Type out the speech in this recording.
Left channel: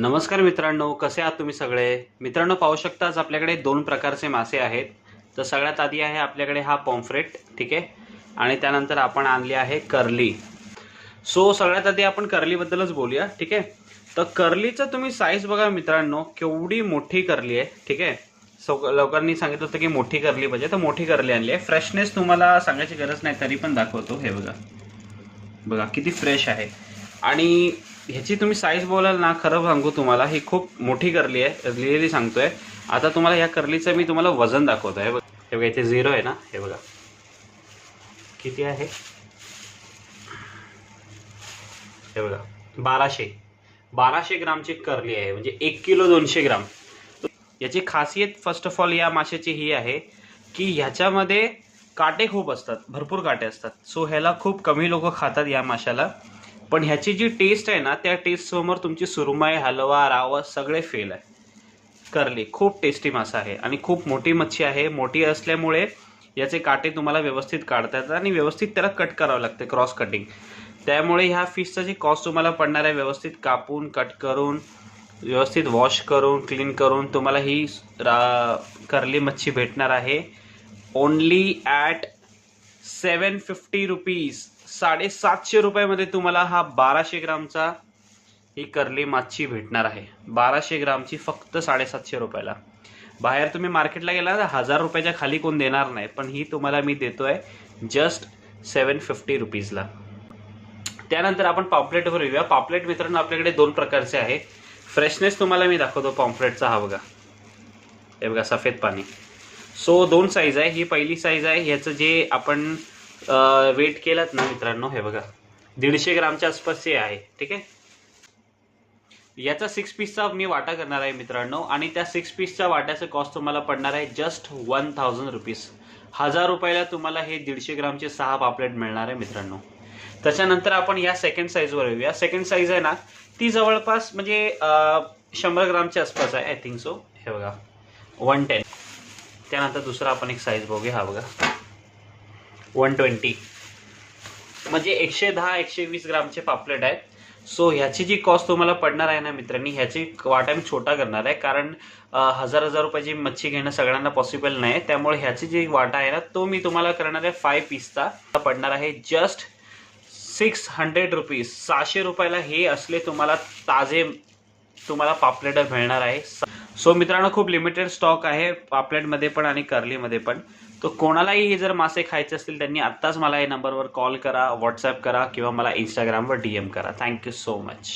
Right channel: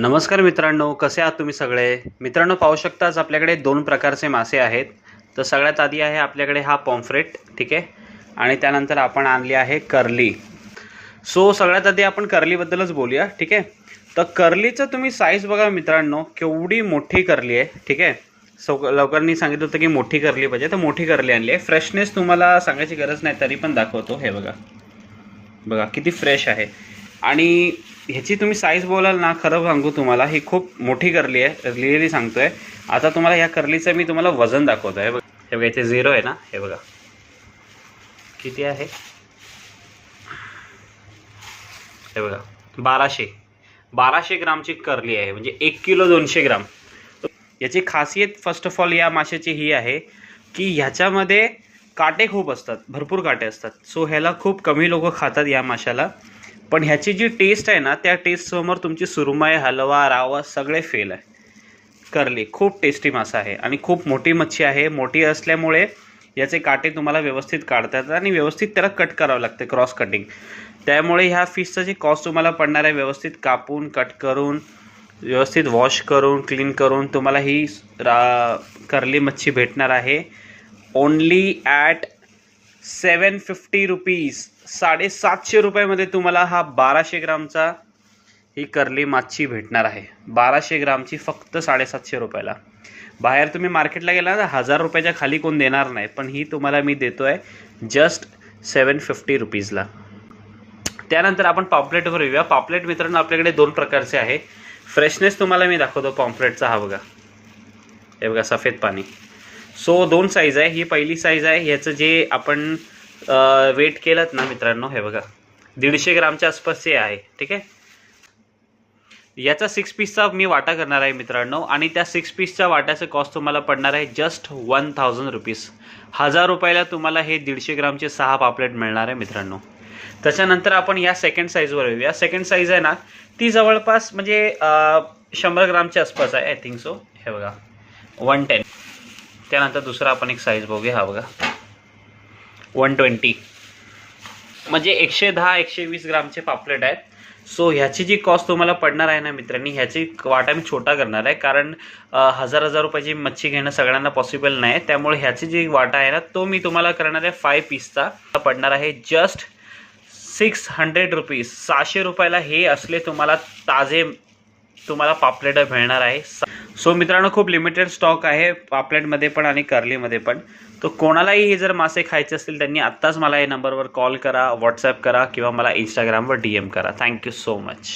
नमस्कार मित्रांनो, कसे आहात तुम्ही सगळे? मित्रांनो, पाहू शकताच आपल्याकडे दोन प्रकारचे मासे आहेत. तर सगळ्यात आधी आहे आपल्याकडे हा पॉम्फ्रेट, ठीक आहे, आणि त्यानंतर आपण आणली आहे कर्ली. सो सगळ्यात आधी आपण कर्लीबद्दलच बोलूया, ठीक आहे. तर कर्लीचं तुम्ही साईज बघा मित्रांनो, केवढी मोठी कर्ली आहे, ठीक आहे. सो लोकांनी सांगितलं होतं की मोठी कर्ली पाहिजे, तर मोठी कर्ली आणली आहे. फ्रेशनेस तुम्हाला सांगायची गरज नाही, तरी पण दाखवतो. हे बघा, बघा किती फ्रेश आहे. आणि ह्याची तुम्ही साईज बोलाल ना, खरं सांगू तुम्हाला, ही खूप मोठी कर्ली आहे, रिअली सांगतोय. आता तुम्हाला या कर्लीचं मी तुम्हाला वजन दाखवतो. हे बघा, इथे 0 आहे ना, हे बघा किती आहे. हे बघा, 1200 ग्रामची कर्ली आहे, म्हणजे 1 किलो 200 ग्राम. याची खासियत फर्स्ट ऑफ ऑल या माशाची ही आहे की ह्याच्यामध्ये काटे खूप असतात, भरपूर काटे असतात. सो ह्याला खूप कमी लोक खातात या माशाला. पण ह्याची जी टेस्ट आहे ना, त्या टेस्ट समोर तुमची सुरमई, हलवा, रावस सगळे फेल आहे. कर्ली खूप टेस्टी मासा आहे आणि खूप मोठी मच्छी आहे. मोठी असल्यामुळे याचे काटे तुम्हाला व्यवस्थित काढता येतात आणि व्यवस्थित त्याला कट करावं लागते, क्रॉस कटिंग. त्यामुळे ह्या फिशचं जे कॉस्ट तुम्हाला पडणार आहे, व्यवस्थित कापून कट करून व्यवस्थित वॉश करून क्लीन करून तुम्हाला ही कर्ली मच्छी भेटणार आहे ओनली ॲट 750 रुपीज. 750 रुपयामध्ये तुम्हाला हा 1200 ग्रामचा ही कर्ली मच्छी भेटणार आहे. 1200 ग्रामची फक्त 750 रुपयाला. बाहेर तुम्ही मार्केटला गेला ना, 1000 रुपयाच्या खाली कोण देणार नाही, पण ही तुम्हाला मी देतोय जस्ट 750 रुपीजला. त्यानंतर आपण पॉम्प्लेटवर येऊया. पॉम्प्लेट मित्रांनो आपल्याकडे दोन प्रकारचे आहे. फ्रेशनेस तुम्हाला मी दाखवतो पॉम्प्लेटचा. हा बघा, हे बघा सफेद पाणी. सो दोन साईज आहे. ही पहिली साईज आहे. ह्याचं जे आपण वेट केलं ना मित्रांनो, हे बघा 150 ग्रामच्या आसपासचे आहे, ठीक आहे. याचा 6 पीसचा मी वाटा करणार आहे मित्रांनो, आणि त्या 6 पीसच्या वाट्याचं कॉस्ट तुम्हाला पडणार आहे जस्ट 1000 रुपीज. 1000 रुपयाला तुम्हाला हे 150 ग्रामचे 6 पापलेट मिळणार आहे मित्रांनो. त्याच्यानंतर आपण या सेकंड साईजवर येऊया. सेकंड साईज आहे ना, ती जवळपास म्हणजे 100 ग्रामच्या आसपास आहे, आय थिंक सो. हे बघा 110. त्यानंतर दुसरा आपण एक साईज बघूया. हा बघा 120, म्हणजे 110-120 ग्रामचे पापलेट आहेत. सो ह्याची जी कॉस्ट तुम्हाला पडणार आहे ना मित्रांनी, ह्याची वाटा मी छोटा करणार आहे, कारण 1000 रुपयाची मच्छी घेणं सगळ्यांना पॉसिबल नाही. त्यामुळे ह्याची जी वाटा आहे ना, तो मी तुम्हाला करणार आहे 5 पीसचा. पडणार आहे जस्ट 600 रुपीज. 600 रुपयाला हे असले तुम्हाला ताजे तुम्हाला पापलेट मिळणार आहे. सो मित्रांनो, खूप लिमिटेड स्टॉक आहे पापलेटमध्ये पण आणि कर्लीमध्ये पण. तो कोणालाही हे जर मासे खायचे असतील त्यांनी आत्ताच मला या नंबरवर कॉल करा, व्हॉट्सॲप करा किंवा मला इंस्टाग्रामवर DM करा. Thank you so much.